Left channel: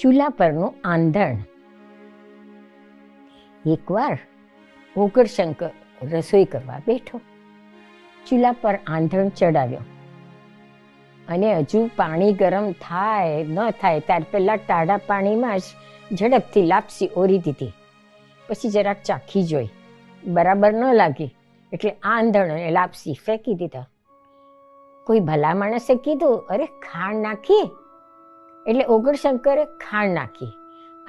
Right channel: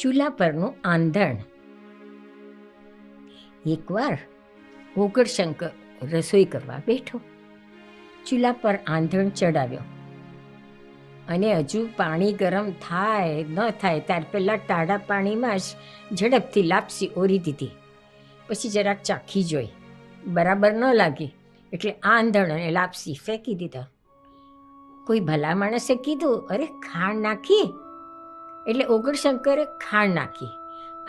ચૂલા પરનું આંધણ. એકવાર ઓગણશંકર રસોઈ કરવા બેઠો. ચૂલા પર આંધણ ચડાવ્યો અને હજુ પાણી ગરમ થાય ન થાય ત્યાર પહેલાં ટાઢા પાણીમાં જ ઝડપથી લાપસી ઓરી દીધી. પછી જરાક ચાખી જોઈ, બરાબર ન લાગી એટલે આંધણ અને લાપસી ફેંકી દીધા. કોઈ ભલા માણસે કીધું, અરે ખાંડ નાખી, એટલે ઓગણશંકરે ખાંડ નાખી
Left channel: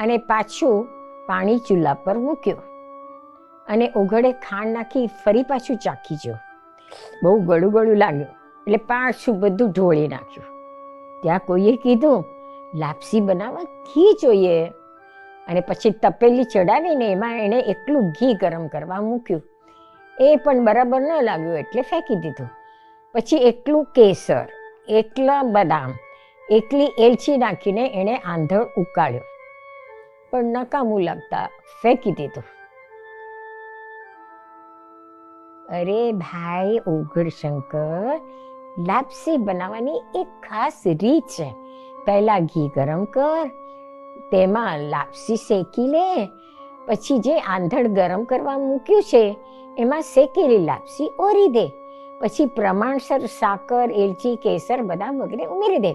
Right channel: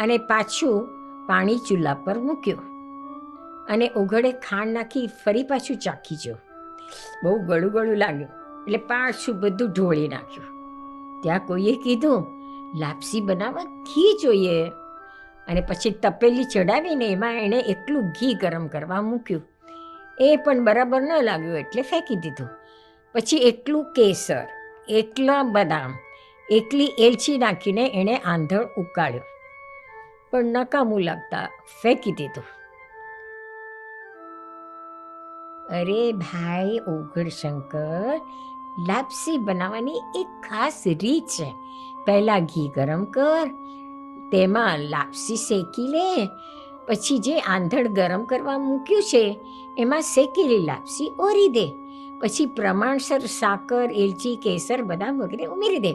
અને પાછું પાણી ચૂલા પર મૂક્યું અને ઓગળે ખાંડ નાખી ફરી પાછું ચાખી જો. બહુ ગળું ગળું લાગ્યું એટલે પાછું બધું ઢોળી નાખ્યું. ત્યાં કોઈએ કીધું, લાપસી બનાવવા ઘી જોઈએ, અને પછી તપેલી ચડાવીને એમાં એણે એટલું ઘી ગરમ કરવા મૂક્યું. એ પણ બરાબર ન લાગ્યું એટલે ફેંકી દીધું. પછી એટલું કેસર, એટલા બદામ, એટલી એલચી નાખીને એણે આંધણ ઉકાળ્યો, પણ નકામું લાગતા ફેંકી દીધું. અરે ભાઈ ઓગણશંકર, લાપસી બનાવવાની એક ખાસ રીત છે. પહેલાં ઘી ગરમ કર, તેમાં લાપસી શેકી લે, પછી જે આંધણ ગરમ કરવા મૂક્યું છે એમાં શેકેલી લાપસી ઓરી દે, પછી પ્રમાણસર સાકર, એલચી, કેસર, બદામ વગેરે ઉમેરી દે.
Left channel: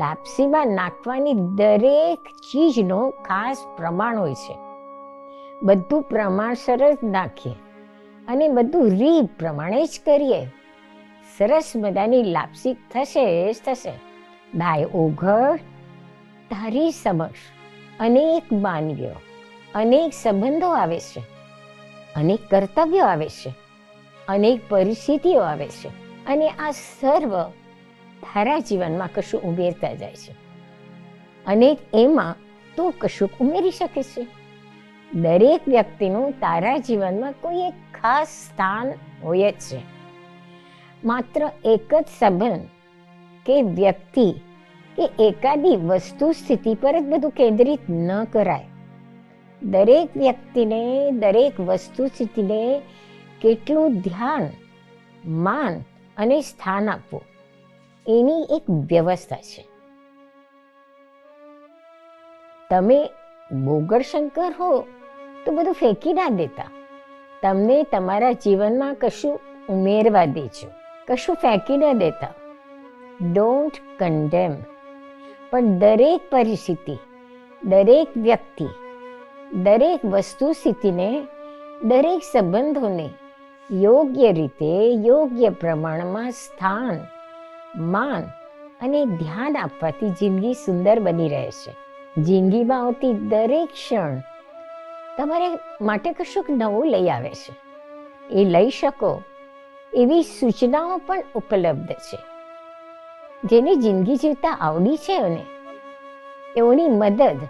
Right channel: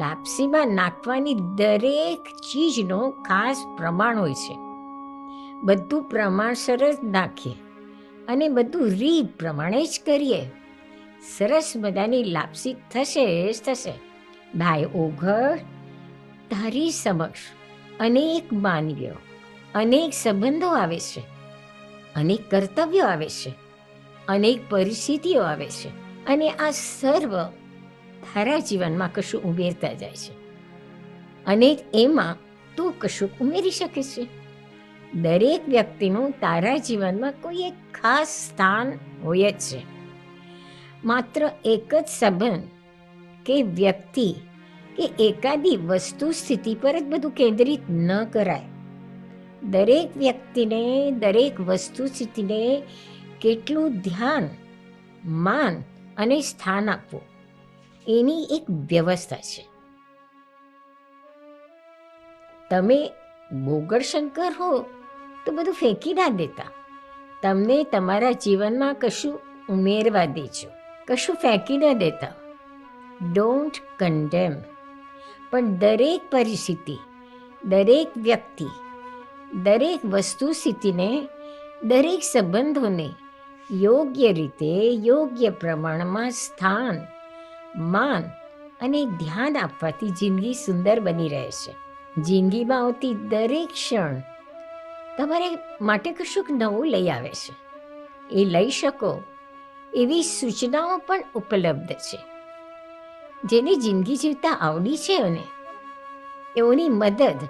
લાપસીમાં નાખવાની દરેક ચીજનો ખાસ પ્રમાણ હોય છે. બધું પ્રમાણસર જ નાખીએ અને બધું રીત પ્રમાણે જ કરીએ. સરસ મજાની લાપસી થશે જ થશે. ભાઈ ઓઘડ, તારી સમક્ષ અનેક માનવીઓ, અનેક સંબંધો આવે છે, અનેક કર્તવ્યો આવે છે, અનેક પરિસ્થિતિઓ આવે છે, અને આ સર્વ તારા જીવનમાં કશું ઉમેરતા જાય છે, અને એમાં તું કશું ઉમેરી શકે છે. દરેક વ્યક્તિનું તારા જીવનમાં કોઈ એક ખાસ સ્થાન હોય જ છે. માત્ર એક જ સંબંધ કે વ્યક્તિ કે એકાદી વસ્તુ સ્થિતિ પર જ બધું કેન્દ્રિત ન કરાય. દરેક વ્યક્તિને, દરેક વસ્તુ સ્થિતિને કેટલું ધ્યાન, માન અને સ્થાન આપવું, એની એક વ્યવસ્થા છે. તમે ઓગણશંકર હો તો બધું ફેંકી ના દેતા. તમને તમારા જીવનમાં કશું ઉમેરવા દેજો, કશું ફેંકી ના દેતા. Don't condemn. પણ દરેક પરિસ્થિતિ, દરેક વ્યક્તિ, દરેક વસ્તુ સ્થિતિને, દરેક સંબંધોને યોગ્ય રીતે, યોગ્ય પ્રમાણમાં સ્થાન, માન અને ધ્યાન આપવાથી જિંદગી સુંદર બની રહે છે. જિંદગીમાં આવતી દરેક ક્ષણ તમારે માટે કશુંક નવું લઈ આવે છે. એ લઈ શકો એવી સૂચનાઓ પણ ઉપલબ્ધ છે. જેને જિંદગી જીવતા આવડી છે અને એઓની મદદ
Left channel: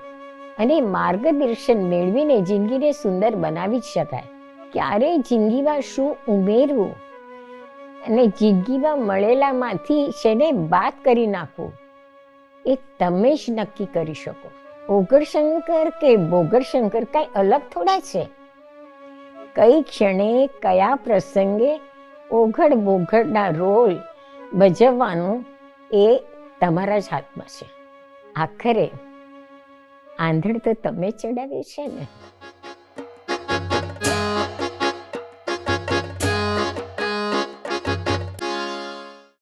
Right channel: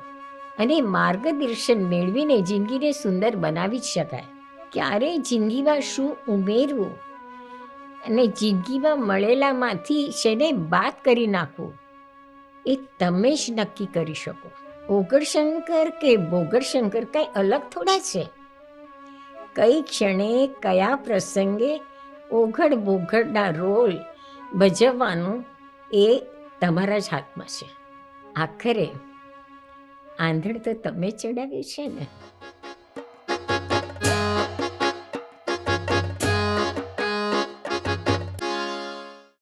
અને માર્ગદર્શન મેળવીને જિંદગીને સુંદર બનાવી જ શકાય. ક્યારેય જિંદગીમાં શું ઉમેરવું અને જિંદગીમાં મળેલામાંથી શેને બાદ કરી નાખવું, એ તમે જ નક્કી કરી શકો. ઓગણશંકર કે બોગણશંકર કાંઈ અલગ થોડા છે. કઈ ક્ષણે, કયા પ્રસંગે ઓઘડ બોઘડના રોલ ભજવવાનું એ તમારા જ હાથમાં છે. આખરે આંધણ તો તમે ચડાવ્યું છે ને.